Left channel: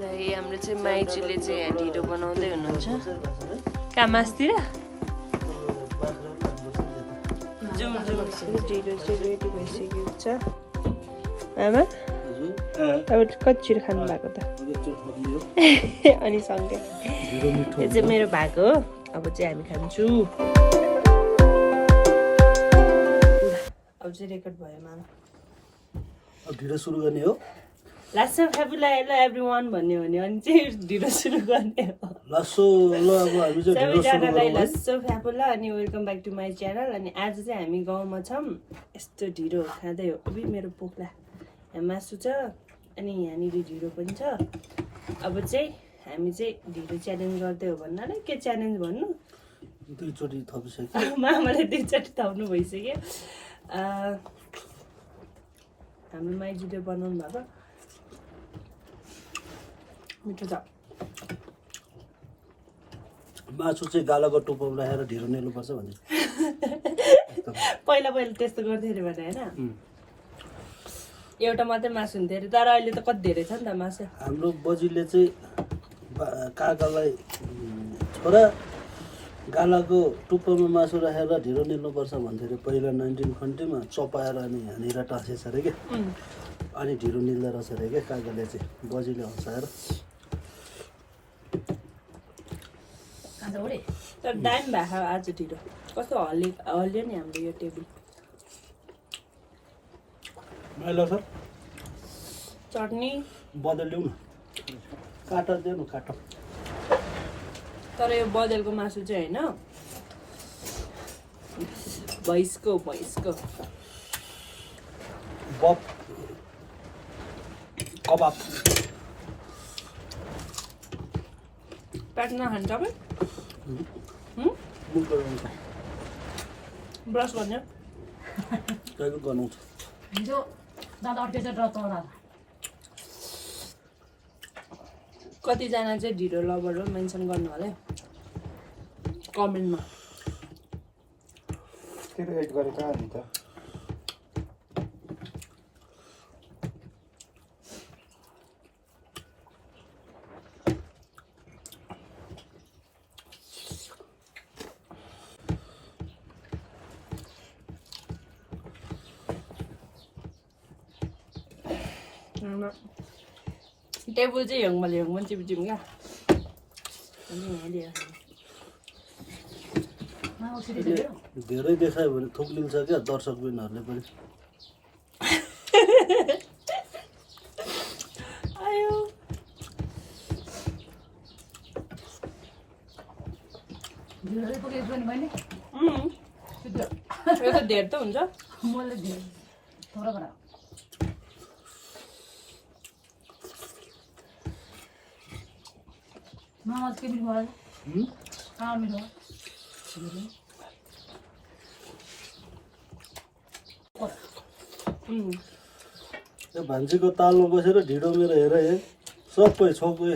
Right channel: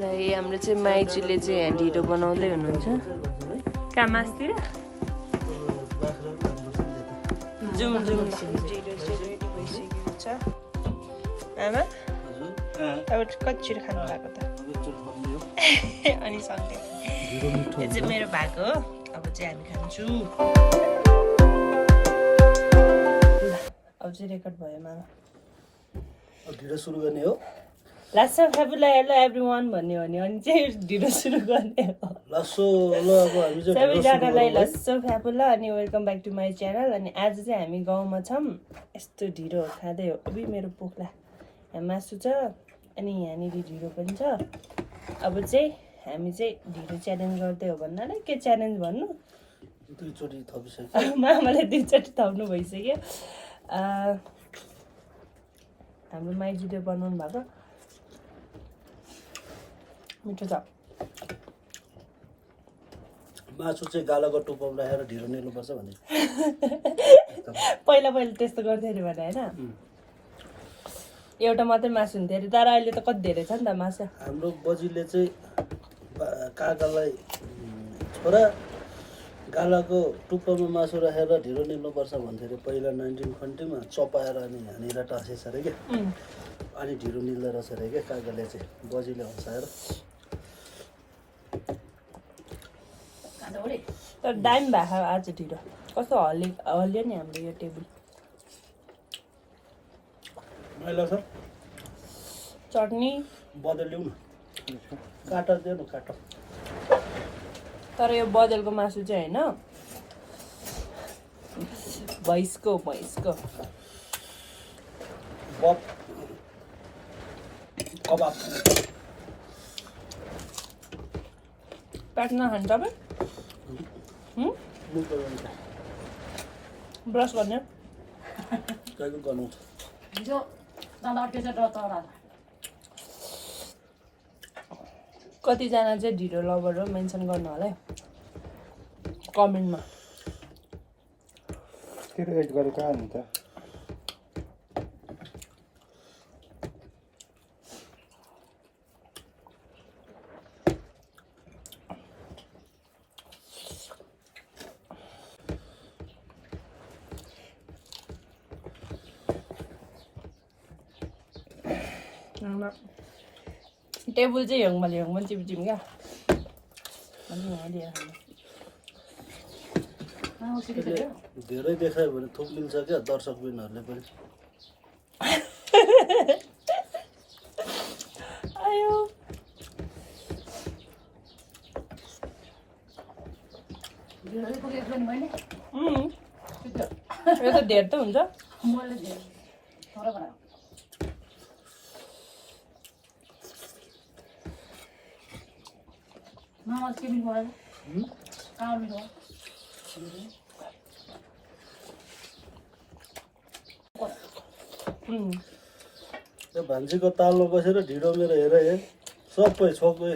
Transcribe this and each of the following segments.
हाम्रो चाहिँ माइजूले चाहिँ यहाँ ढिडो बनाउँदै हुनुहुन्छ कहाँ मासतिर जुम जुम ढिडो चाहिँ रेडी भइसकेको छ आमा अब कति छिटो खानु भएको त अनि सँगै यो चाहिँ मेरो भएको हो अब चाहिँ हामी खान्छौँ अब चाहिँ रेकर्ड भयो मामा अब ढिडो सुरु गर्ने हो लासो फ्याबुला हेलो एभ्रीवन भन्ने हो भने अनि चाहिँ ढिडो सुरु गर्ने हो लासो ल अब हामी चाहिँ ढिडो सुरु सबैजनालाई गरौँ है लासो फ्याबुला अनि welcome back to my channel अनि आज चाहिँ हामी गाउँमा छौँ यस्तो ढिडो खाँदै हो अबि मेरो पोख्ला यहाँ मासु छ अनि यहाँनिर ढिडो पनि छ अब चाहिँ हामी चाहिँ ढिडो च्यालेन्ज गर्दै हो भन्नाले के च्यालेन्ज भन्नु दुईचोटि थपिसक्यो मामाले दुईचोटि थप्नु भइसक्यो हाम्रो माइजूले बनाउनु भएको मिठो छ मासु चाहिँ गालाको टुप्पामा राखेर ढिलो निल्नुपर्छ भन्ने पहिला पहिला त्यस्तो गर्थ्यो अरे भने होइन एउटा मात्रै मासु हुन्थ्यो अरे तर अहिले त कति धेरै छ नि त मासु हाम्रो बजीले चाहिँ काकालाई छोरा गालाको टुप्पामा मासु राखेर ढिलो निल्नुपर्छ भन्थ्यो अरे पहिला 1920 मा चपाएर अनि यहाँनिर टाँसेछ अरे क्या अनि ढिलो निल्दो रहेछ अरे क्या काकाले चाहिँ बजीले हँसाएर तर दामी भएको आज ढिलो कस्तो हल्यो नि हाम्रो यो टेबल मैला छ चटनी बदल ल्याउ न काटा दियो न काटा तर यो बदलको मासु चाहिँ होइन भैँसको बप कबाब प्याक नखानु तपाईँ ब्रस गर्ने गनाउँछ कतिजना चाहिँ ढिडो लभर हो मेन्सन गर्नु होला है कमेन्टमा टेबल चाहिँ हेङमा चिप्चिम क्या धेरै देखायो भने थुक लिन्छ क्या दर्शकबिनहरूले पनि आयो यो त धेर त हुन्छ त्यो भान्जीको तालमा बसेर ढिडो मेरो हेर हे सबै छोपे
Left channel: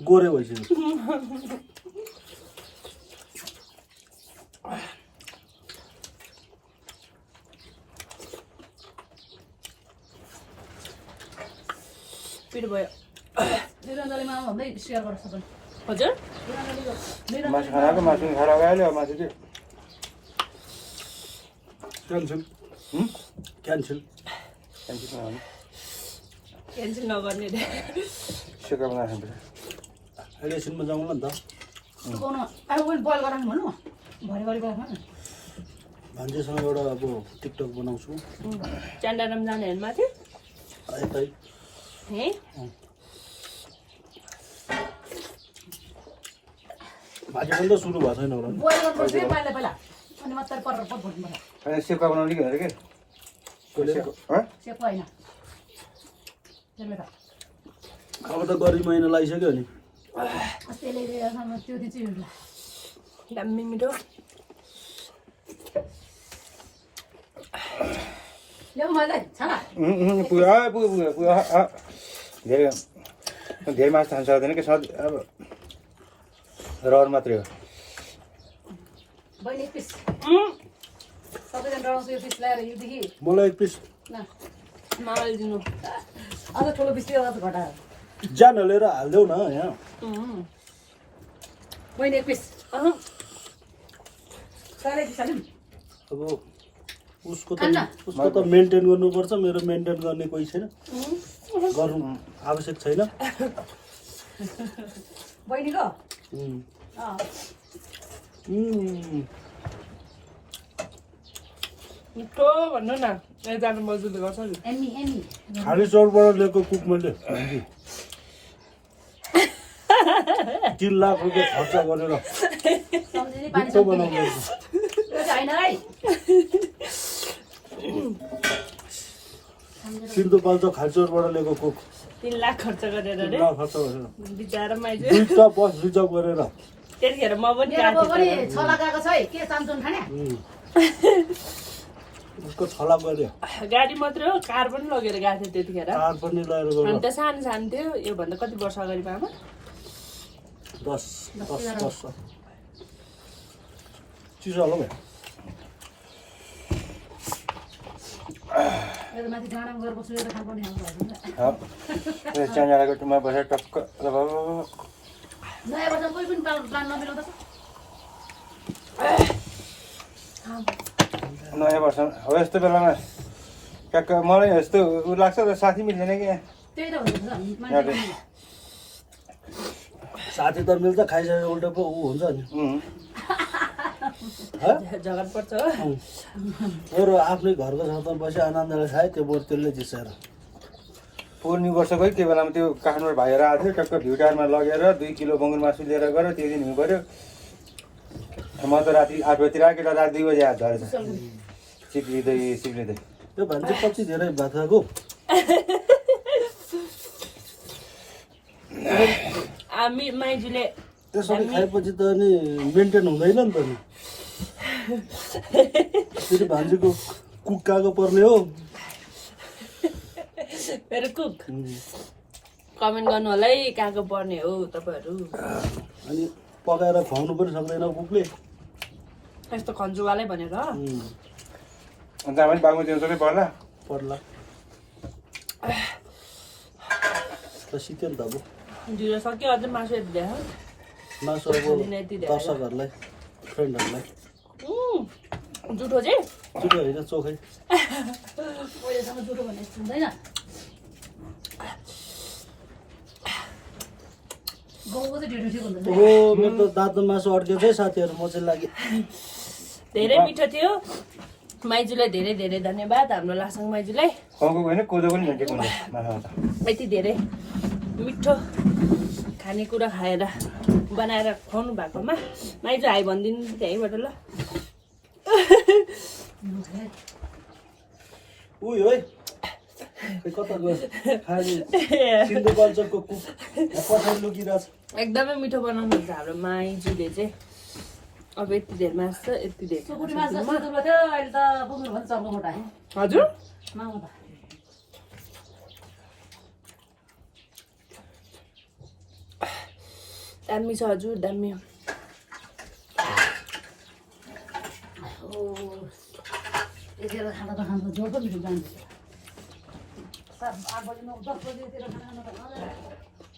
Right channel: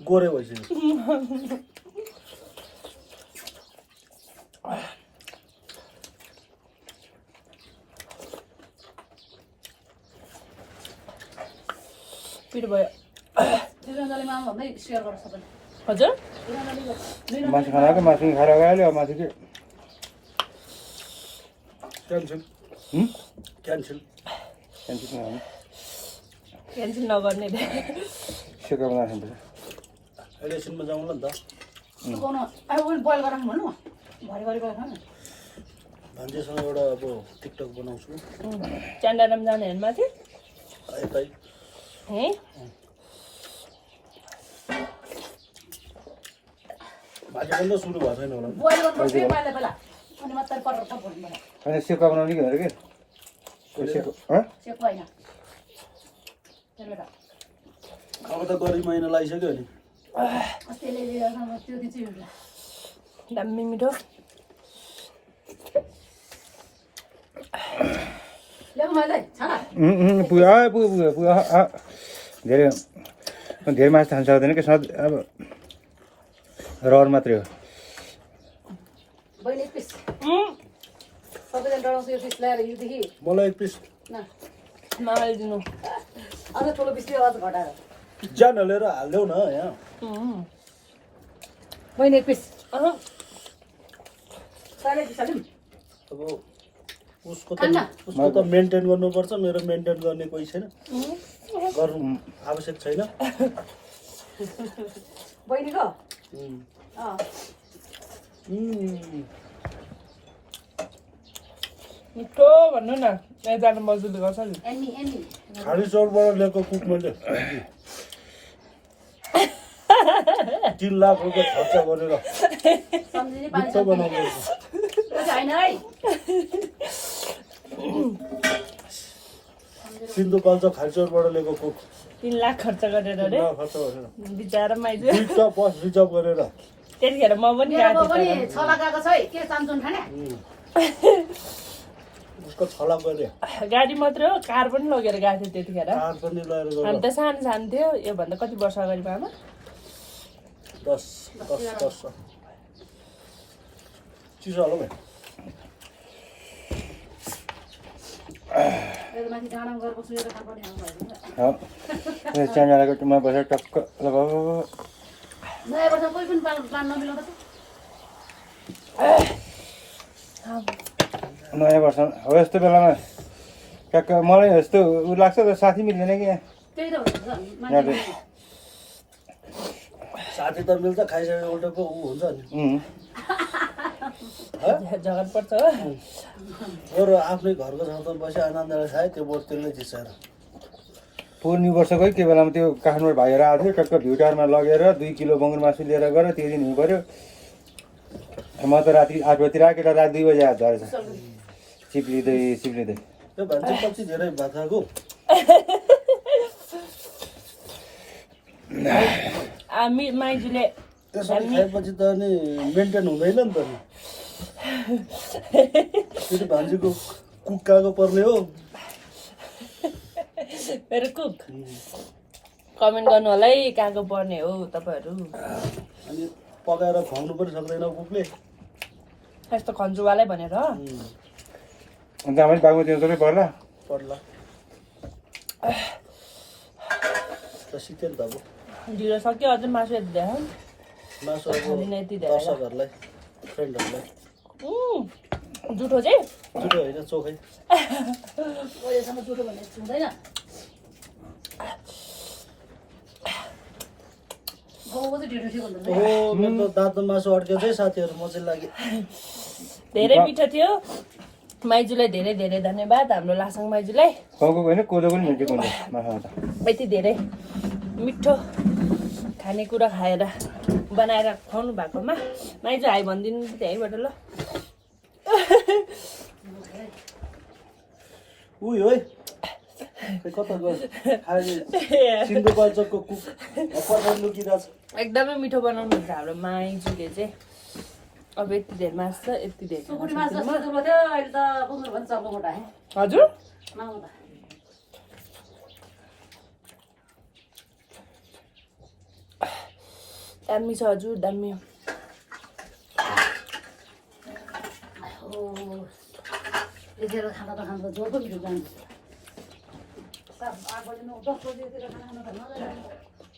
गोरे भइसक्यो पिरो भयो निरञ्जली मामा भन्दै सेयर गर्छ पनि हजुर क्यान्सल क्यान्सल नगर्ने एकैछिनमा जाउँला नि त सुकाउनु बोइल गरेर भन्नु भरे गरी बोइल गर्नु भान्जीसँग एउटा अब टिकटक बनाउँछु च्यान्डाराम जाने होइन माथि यतै है भाजी पनि त सुरु भएको छैन होला बोइल गर्नुपर्छ पहिला पहिला अनि मात्रै पटर पट भन्नुपर्छ अनि सेका बनाउने कि अरे के सेक होइन त्यसले त अब त गरी महिना लागिसक्यो नि त्यसले त्यो चाहिँ हुन्छ दामी मिठो ल्याउनु मैले छाना पुग्यो धेरै धेरै मासु खान सक्दैन कि सधैँ अब रहर मात्रै हो बहिनी एक पिस सबैजना डराउँछु यो पिस ल्याएर योदेखि मलाई एक पिस न मामाले दिनु अझ ठुलो पिस त्यो अझ घटायो ज्यान हालेर हालिदेऊ न यहाँ बहिनी एक पिस साह्रै पिसालिम अब उसको त मेन्टेन गर्नुपर्छ मेरो मेन्टेन गर्ने कोही छैन गर्नु आवश्यक छैन बहिनीको मिठो भन्नु न जानु मजदुरी गर्छ नि एनी एनी खाली चौरबाट ल्याएको कुक मैले 3 लाख रुपियाँ खर्च गरेर सम्झिने पानी मिठो बनाएको त्यो चाहिँ हैन है सिन्धुपाल्चोक खालचौरबाट ल्याएको कुक 3 लाख खर्च गरेर 3 रे लाख खर्च गरेर बिचारा माइजू 2टा बस रिजर्भ गरेर त्यतिखेर म पनि मेरो गएको पनि थिएँ छला गएको छ है के चान्छन् खाने उसको छला गरे गाडी मात्रै हो कार पनि लगेर गएको थियो त्यतिखेर कार पनि लगेर हामी गयो त सानो सानो थियो योभन्दा कति वर्ष अगाडि आमा 10 वर्ष चिसो होला भाइ यो त माथि डाँडामा गएर बस्नु त खानुपर्ने हुन्छ च्याङ्गाको टुमा बसेर टक्क लगाऊ नयाँ वर्ष कोही पनि प्लान नमिलाउँदा नयाँ वर्ष हो यस्तो बेलामा ट्याक्क मलाई यस्तो उ लाग्छ त साथी मिल्दैन कि त्यही त हुन्छ मान्छे साथी त मिल्छ खाइसकेको उल्टो पो ऊ हुन्छ नि झगडा पर्छ हो बरु आफ्नै घरको छतमा बसी आनन्दले खायो त्यो बरु त्यसले जिसेर पूर्णी वर्षको के बेलामा त्यो काठमाडौँ भाइर आएको थियो टक्क भ्युटारमा लगेर 2 किलो बङ्गुर मासु लिएर गएर त्यो दिन हुनु पऱ्यो म त राति 8 बजीतिर केटा राति 2 बजी आएर झरेछ सिक्लिँदै त्यो भान्जी पछि धेरै भात खाएको माइजूले त्यसरी खाएपछि त अनि मेन्टेन हुँदैन नि त नि फेरि भान्जीको कुक काको पर्ने हो मेरो कुक कमेन्ट गर्नु होला है कहाँको पर्ने हो तपाईँहरू अनि पकाएर खुवाउनु पनि सक्दैन कुकले यस्तो खन्जुवालै भनेर अन्त पनि बाबु देउताकै पर्ला त सिक्यो नि त अब ढिलो सक्यो अझ मासु यति देखाऊ मासु अब दर्शकहरूलाई फ्रेन्डहरूलाई जुठो चाहिँ जुठो होइन चोखै अहिलेसम्म जुठो भन्ने यस्तो हुँदैन गाउँको चाहिँ ढिँडो थियो भन्दा ओहो मेरो त दाँतमा मासु अड्क्यो चाहिँ साथीहरू म चाहिँ लाग्यो धेरै मिठो थियो माइजूलाई धेरै धेरै धन्यवाद हाम्रो लासाङ माइजूलाई टाउको होइन कोदो पनि भेटेको यति धेरै मिठो खानेकुरा खाएर बनाएर खुवाउनु भएकोमा माइजू हाई भनिदिनु त्यहीँबाट ल उयो है कता गयो सिन्धुपाल्चोकको कुक पठाइ लुकिरहेछ एकदमै मिठो बनाउनुहुन्छ हाम्रो माइजूले चाहिँ अब यति धेरै मासु छ यति धेरै सुकुटी माछा सुकुटी थियो अहिले त बुझ्नु भन्छ चर्को मोटा है हजुर नआउँदा दामी छ हजुर दामी यतिखेर खाना त खानु त जोड पो मिठो जान्छ 8 बजी 9 10 बजीतिर खाना त नजाने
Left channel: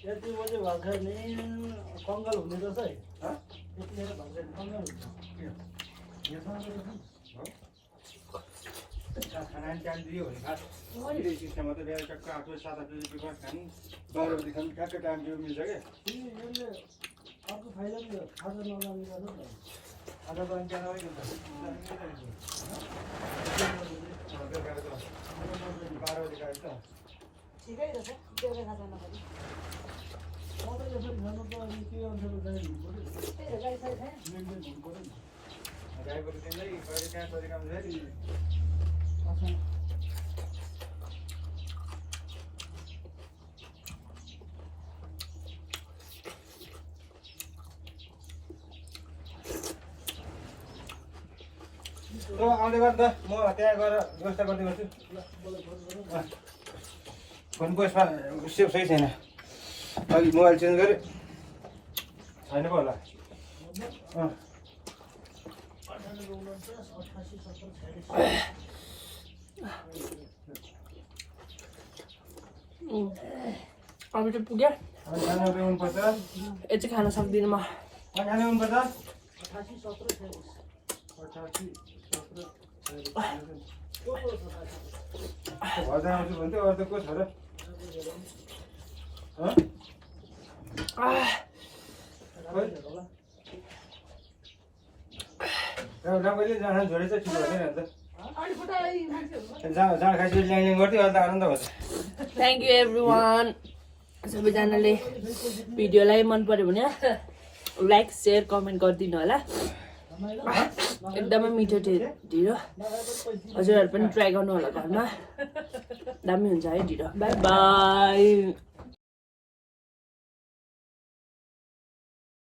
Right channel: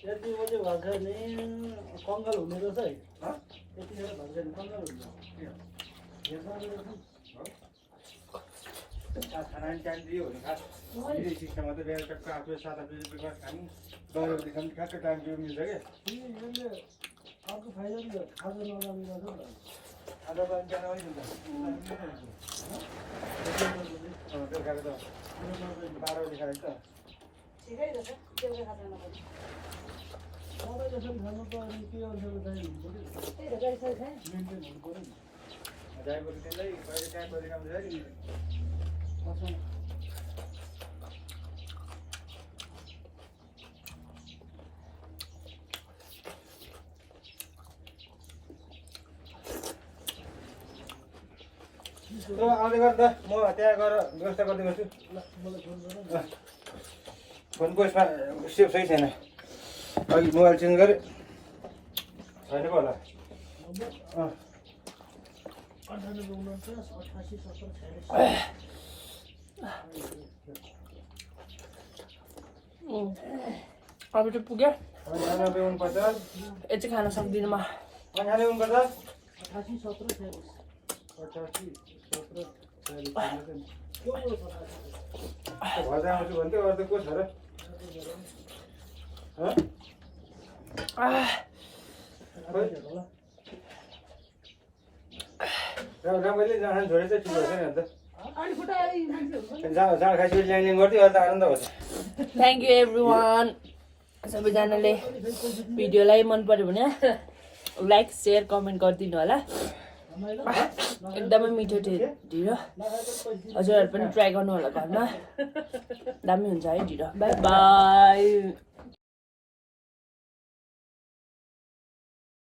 यति बजी भात खाने कङ्गाल हुने रहेछ है यतिखेर भात खाने कङ्गाल खाना टाइम दियो भने सिस्टम मात्रै बिहान टक्क 8 बजी 7 बजी बिमार खानु 10 बजीदेखि टक्क टाइम दियो मिल्छ कि अर्को खाइरहनु त खाजा नलाउने आधा घन्टा नभए ठिकै रहेछ बेलुका खाना नखाने आउँदै गर्दा म त्यहाँ गएर व्यवस्था गर्दै गर्छु फोनको यसमा सेभ सही छैन अघि मोबाइल चेन्ज गरेँ छैन पो होला अब चाहिँ पुग्यो खाना ल्याउनुपर्छ यो चाहिँ खान सक्दिनँ म खाना ल्याउनुपर्छ घर जान्छु भन्थ्यो अरू त को छ र कहिले जाँड छोडेर चाहिँ ठिक हुँदैन नि त जाँड खाइसकेपछि ल्याङ गर्थ्यो अहिले त आनन्द हुन्छ थ्याङ्क यू एभ्रिवान सबैजनाले भिडियोलाई मन पर्यो भने लाइक सेयर कमेन्ट गरिदिनु होला एकदमै मिठो थियो ढिँडो हजुरहरू पनि ट्राई गर्नु होला घरमा दामी हुन्छ है ढिँडो बाई बाई